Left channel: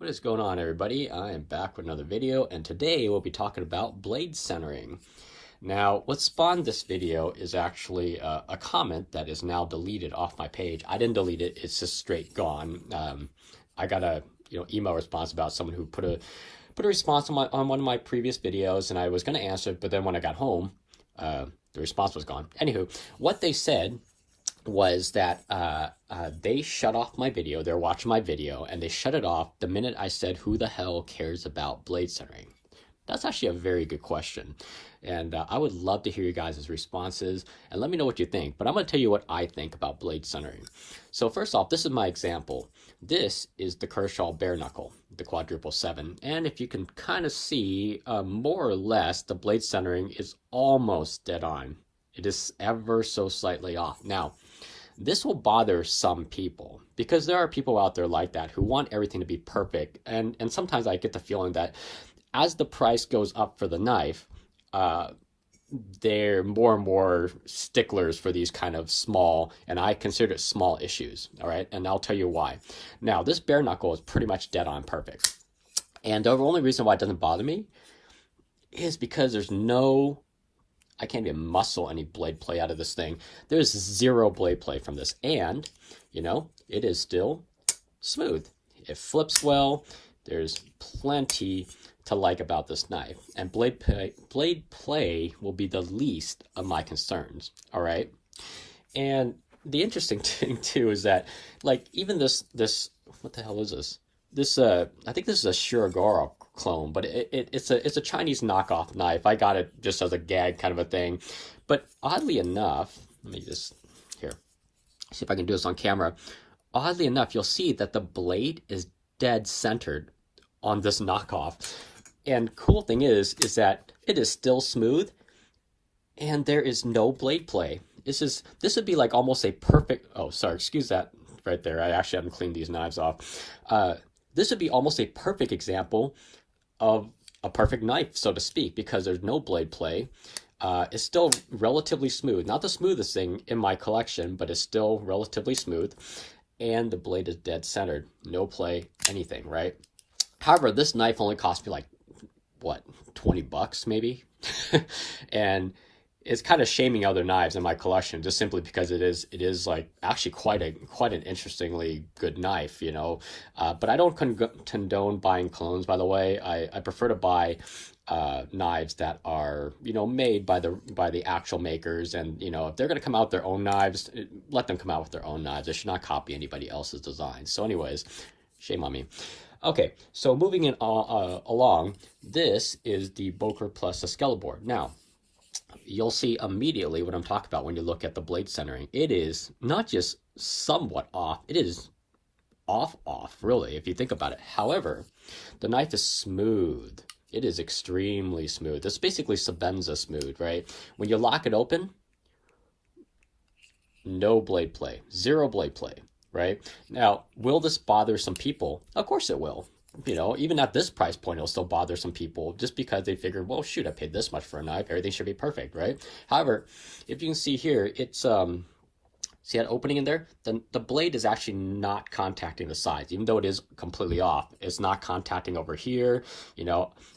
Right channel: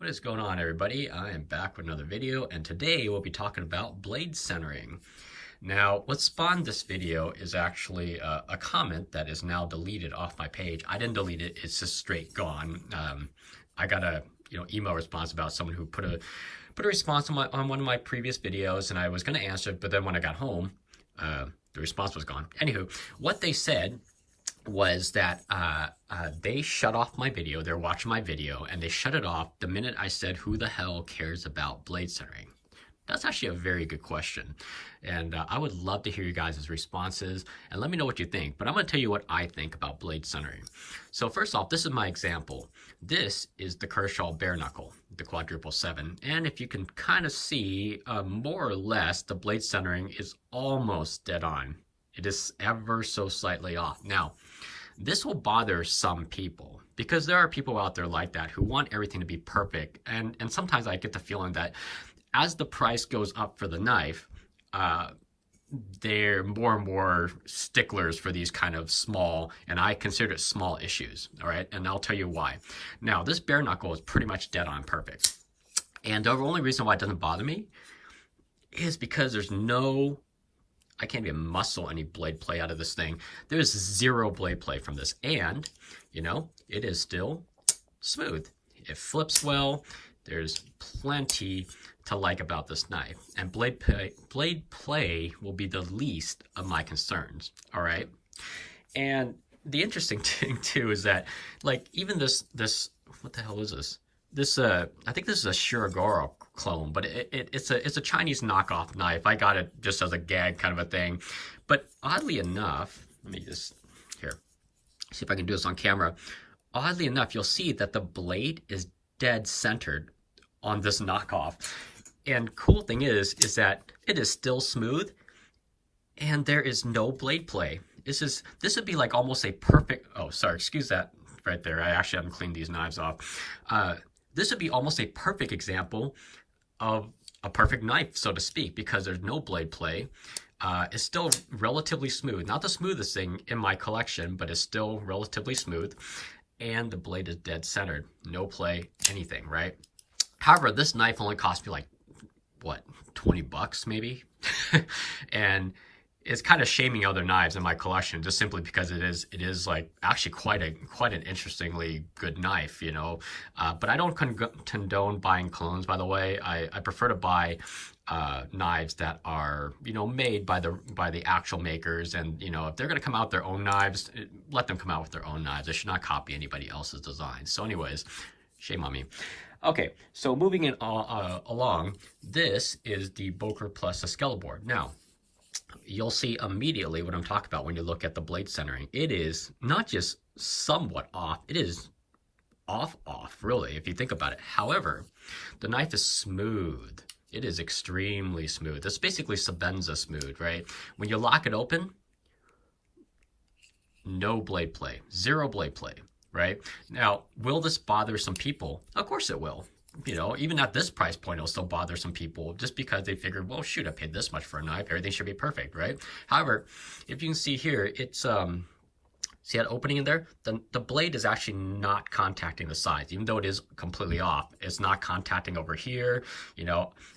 What is going on, everybody? I am back with another video, and today we'll be talking about blade centering. Now, what spawned this video is actually a comment that is now deleted off my page. I didn't delete it; it's just straight gone. I got a email response about someone who put a response on one of my previous videos, and I was going to answer it, but then when I got home, the response was gone. Anywho, what they said was that they shut off my video. They're watching my video, and they shut it off the minute I said, "Who the hell cares about blade centering?" That's actually a very good question, and I would love to hear you guys' responses, and let me know what you think. But I'm going to tell you what I think about blade centering. So first off, this is my example. This is the Kershaw bare knuckle, the quadruple 7, and if you can kind of see, more or less, the blade centering is almost dead on. It is ever so slightly off. Now, this will bother some people because there are people out there like that who want everything to be perfect. And sometimes I get the feeling that as the price goes up for the knife, they're more and more sticklers for these kind of small, and I consider it small issues. All right. And I'll tell you why. Now, this bare knuckle is pretty much dead on perfect. And the only reason why it doesn't bother me is because I can't even muscle any blade play out of this thing. There's zero blade play from this. And, it is still smooth. It flips well. There's plenty to like about this knife. And blade play will be the least of my concerns. All right. And the interesting thing, too, is that, even this, what the hell is this? I think this is a Shirogoro clone, but it's a Chinese knockoff knife. I got it just as a gag kind of a thing. But oddly enough, let me just, here, see if I can do this on camera. Oddly enough, you'll see that the blade is dead centered on this knockoff. And cool thing is that it is still smooth and there is no blade play. This would be like almost a perfect, oh, sorry, excuse that right there. I actually haven't cleaned these knives off. This would be almost a perfect example of a perfect knife, so to speak, because there's no blade play. It's still relatively smooth. Not the smoothest thing in my collection, but it's still relatively smooth. And the blade is dead centered. No play, anything, right? However, this knife only cost me what, 20 bucks maybe? And it's kind of shaming other knives in my collection just simply because it is actually quite an interestingly good knife, but I don't condone buying clones, by the way. I prefer to buy knives that are made by the actual makers, and if they're going to come out with their own knives, let them come out with their own knives. They should not copy anybody else's design. So anyways, shame on me. Okay, so moving in along, this is the Boker Plus Excalibur. Now, you'll see immediately what I'm talking about when you look at the blade centering. It is not just somewhat off, it is off, really, if you think about it. However, the knife is smooth. It is extremely smooth. It's basically Sebenza smooth, right? When you lock it open, no blade play, zero blade play, right? Now, will this bother some people? Of course it will. Even at this price point, it'll still bother some people just because they figure, well, shoot, I paid this much for a knife. Everything should be perfect, right? However, if you can see here, it's, see that opening in there? The blade is actually not contacting the sides, even though it is completely off. It's not contacting over here.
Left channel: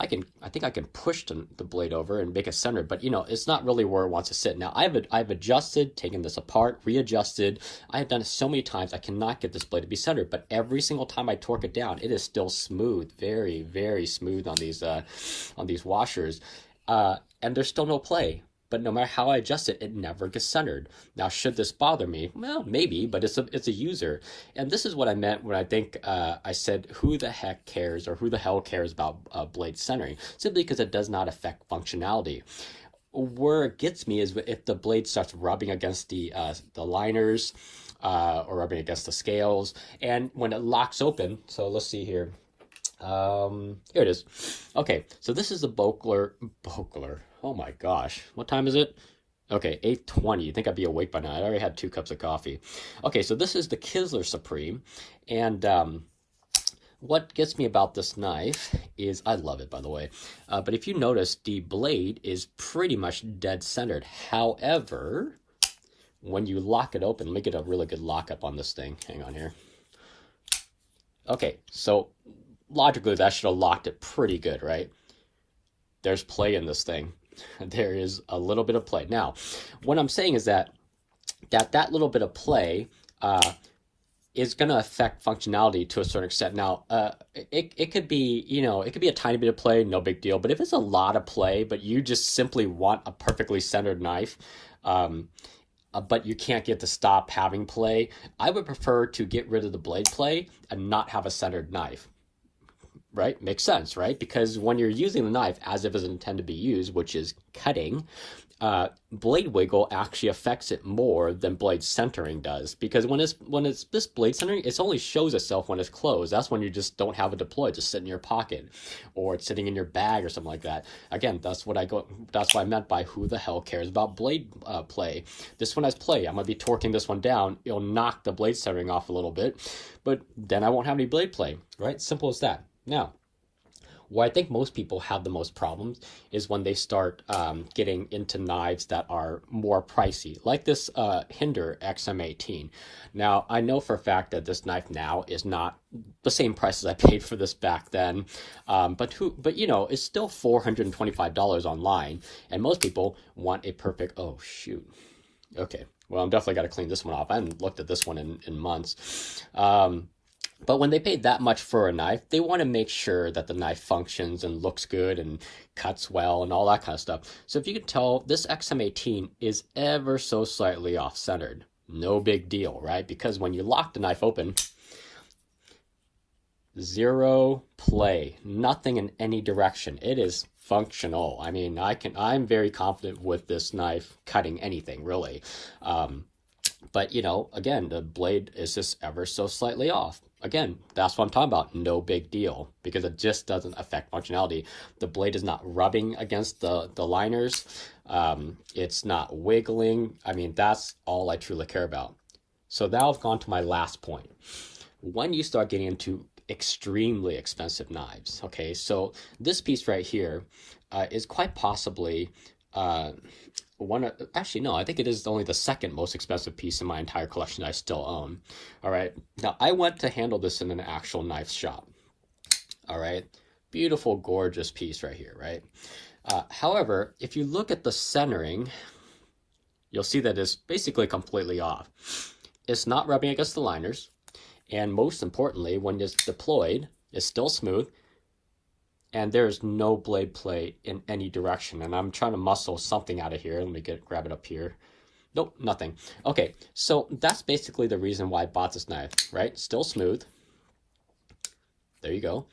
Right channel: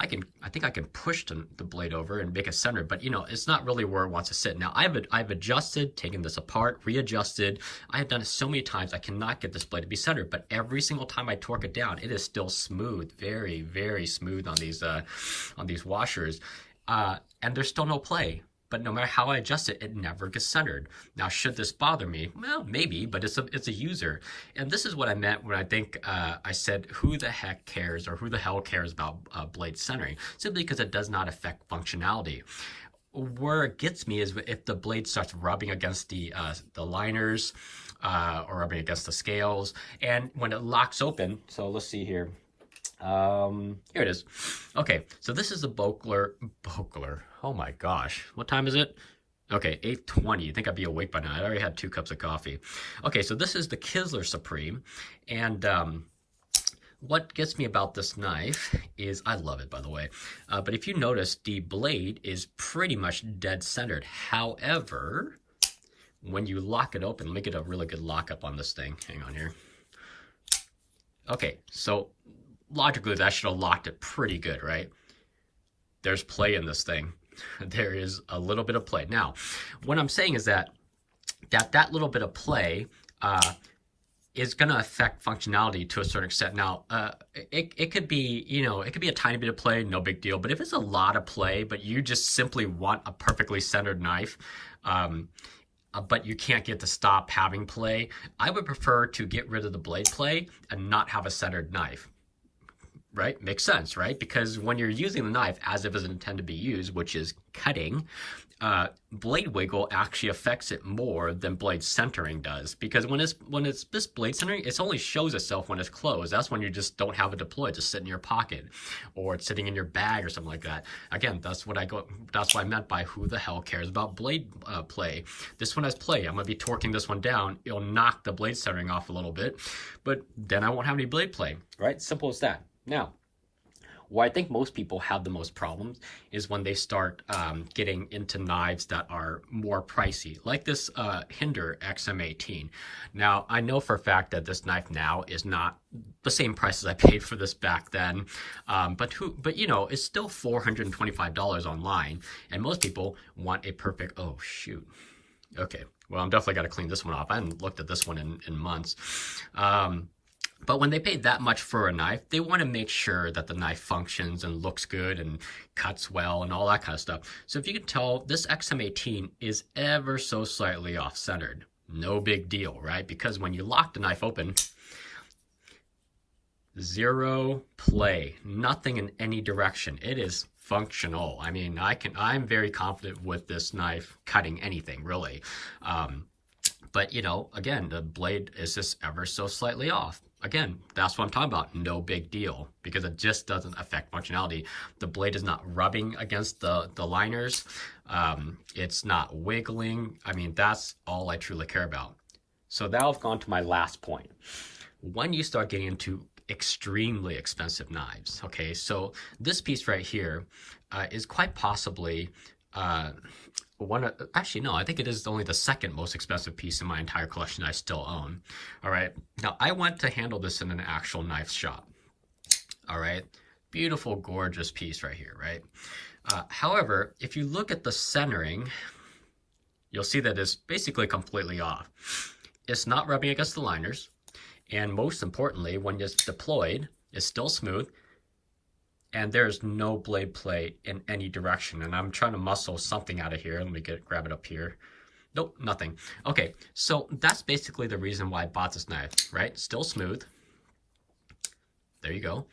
I think I can push the blade over and make it centered, but it's not really where it wants to sit. Now I've adjusted, taken this apart, readjusted. I have done it so many times. I cannot get this blade to be centered, but every single time I torque it down, it is still smooth, very, very smooth on these washers, and there's still no play. But no matter how I adjust it, it never gets centered. Now, should this bother me? Well, maybe, but it's a user. And this is what I meant when I think I said, who the heck cares, or who the hell cares about blade centering? Simply because it does not affect functionality. Where it gets me is if the blade starts rubbing against the liners, or rubbing against the scales. And when it locks open, so let's see here. Here it is. Okay, so this is the Boker. Oh my gosh, what time is it? Okay, 8:20. You think I'd be awake by now? I already had 2 cups of coffee. Okay, so this is the Kinsler Supreme, and what gets me about this knife is, I love it, by the way, but if you notice, the blade is pretty much dead centered. However, when you lock it open, let me get a really good lockup on this thing. Hang on here. Okay, so logically that should have locked it pretty good, right? There's play in this thing. There is a little bit of play. Now, what I'm saying is that little bit of play is going to affect functionality to a certain extent. Now, it could be, it could be a tiny bit of play, no big deal. But if it's a lot of play, but you just simply want a perfectly centered knife, but you can't get to stop having play, I would prefer to get rid of the blade play and not have a centered knife. Right? Makes sense, right? Because when you're using the knife as if it's intended to be used, which is cutting, blade wiggle actually affects it more than blade centering does. Because when it's this blade centering, it only shows itself when it's closed. That's when you just don't have it deployed, just sit in your pocket, or it's sitting in your bag or something like that. Again, that's what I meant by who the hell cares about blade play. This one has play. I'm gonna be torquing this one down. It'll knock the blade centering off a little bit, but then I won't have any blade play. Right? Simple as that. Now, where I think most people have the most problems is when they start getting into knives that are more pricey, like this Hinder XM18. Now, I know for a fact that this knife now is not the same price as I paid for this back then, but it's still $425 online, and most people want a perfect. Oh shoot. Okay, well, I'm definitely got to clean this one off. I haven't looked at this one in months. But when they pay that much for a knife, they want to make sure that the knife functions and looks good and cuts well and all that kind of stuff. So if you can tell, this XM18 is ever so slightly off-centered. No big deal, right? Because when you lock the knife open, zero play, nothing in any direction. It is functional. I mean, I'm very confident with this knife cutting anything, really. But, again, the blade is just ever so slightly off. Again, that's what I'm talking about. No big deal, because it just doesn't affect functionality. The blade is not rubbing against the liners. It's not wiggling. I mean, that's all I truly care about. So now I've gone to my last point. When you start getting into extremely expensive knives, okay, so this piece right here is quite possibly actually, no, I think it is only the second most expensive piece in my entire collection that I still own. All right. Now, I went to handle this in an actual knife shop. All right. Beautiful, gorgeous piece right here, right? However, if you look at the centering, you'll see that it's basically completely off. It's not rubbing against the liners. And most importantly, when it's deployed, it's still smooth. And there's no blade play in any direction. And I'm trying to muscle something out of here. Let me grab it up here. Nope, nothing. Okay, so that's basically the reason why I bought this knife, right? Still smooth. There you go.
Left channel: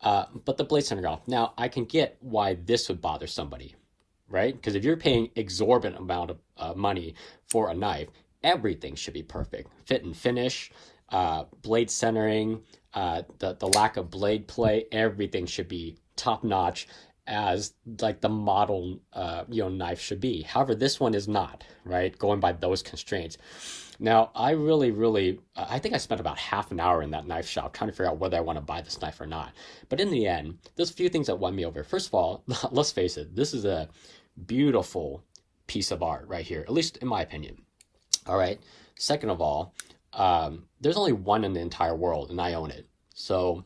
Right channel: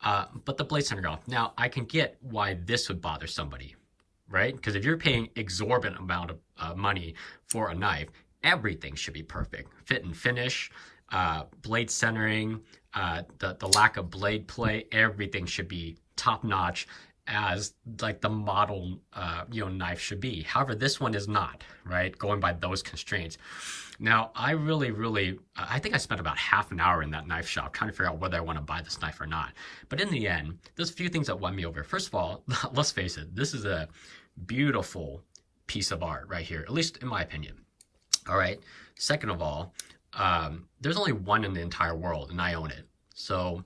But the blade center off. Now, I can get why this would bother somebody, right? Because if you're paying exorbitant amount of money for a knife, everything should be perfect. Fit and finish, blade centering, the lack of blade play, everything should be top notch as like the model knife should be. However, this one is not, right? Going by those constraints. Now, I I think I spent about half an hour in that knife shop trying to figure out whether I want to buy this knife or not. But in the end, there's a few things that won me over. First of all, let's face it, this is a beautiful piece of art right here, at least in my opinion. All right. Second of all, there's only one in the entire world, and I own it. So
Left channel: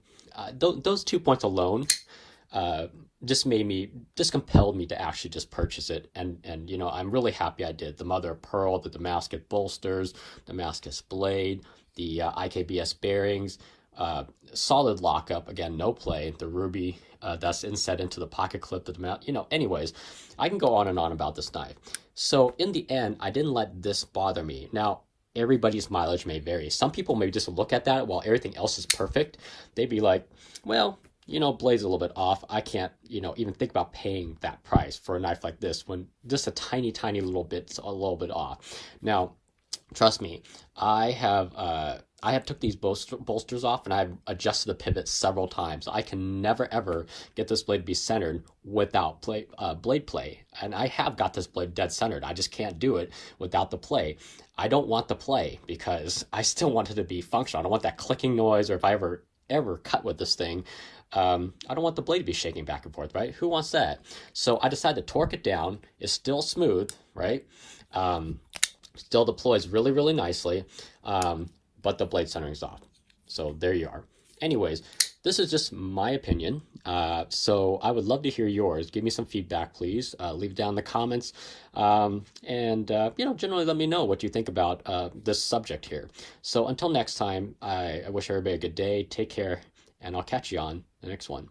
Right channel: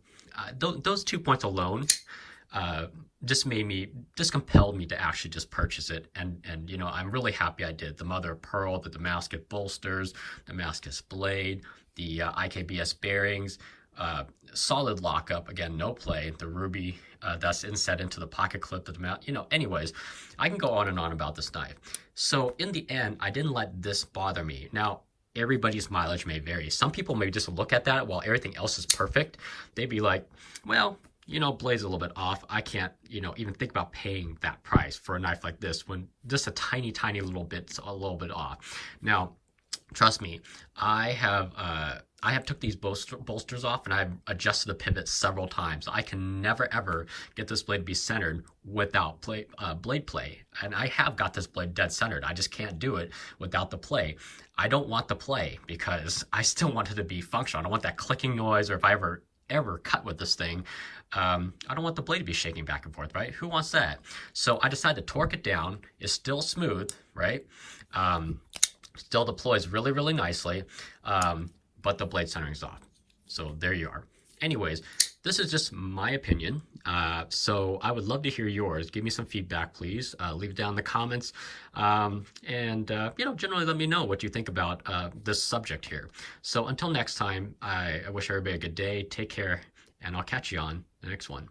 those 2 points alone just compelled me to actually just purchase it. And I'm really happy I did. The mother of pearl, the Damascus bolsters, Damascus blade, the IKBS bearings, solid lockup, again, no play, the ruby that's inset into the pocket clip, the mount, anyways, I can go on and on about this knife. So in the end, I didn't let this bother me. Now, everybody's mileage may vary. Some people may just look at that while everything else is perfect. They'd be like, well, blade's a little bit off. I can't, even think about paying that price for a knife like this when just a tiny, tiny little bit's a little bit off. Now, trust me, I have took these bolsters off and I've adjusted the pivot several times. I can never ever get this blade to be centered without blade play. And I have got this blade dead centered. I just can't do it without the play. I don't want the play because I still want it to be functional. I don't want that clicking noise, or if I ever cut with this thing, I don't want the blade to be shaking back and forth, right? Who wants that? So I decided to torque it down. It's still smooth, right? Still deploys really, really nicely, but the blade centering is off. So there you are. Anyways, This is just my opinion. So I would love to hear yours. Give me some feedback, please. Leave it down in the comments. Generally let me know what you think about this subject here. So until next time, I wish everybody a good day. Take care, and I'll catch you on the next one.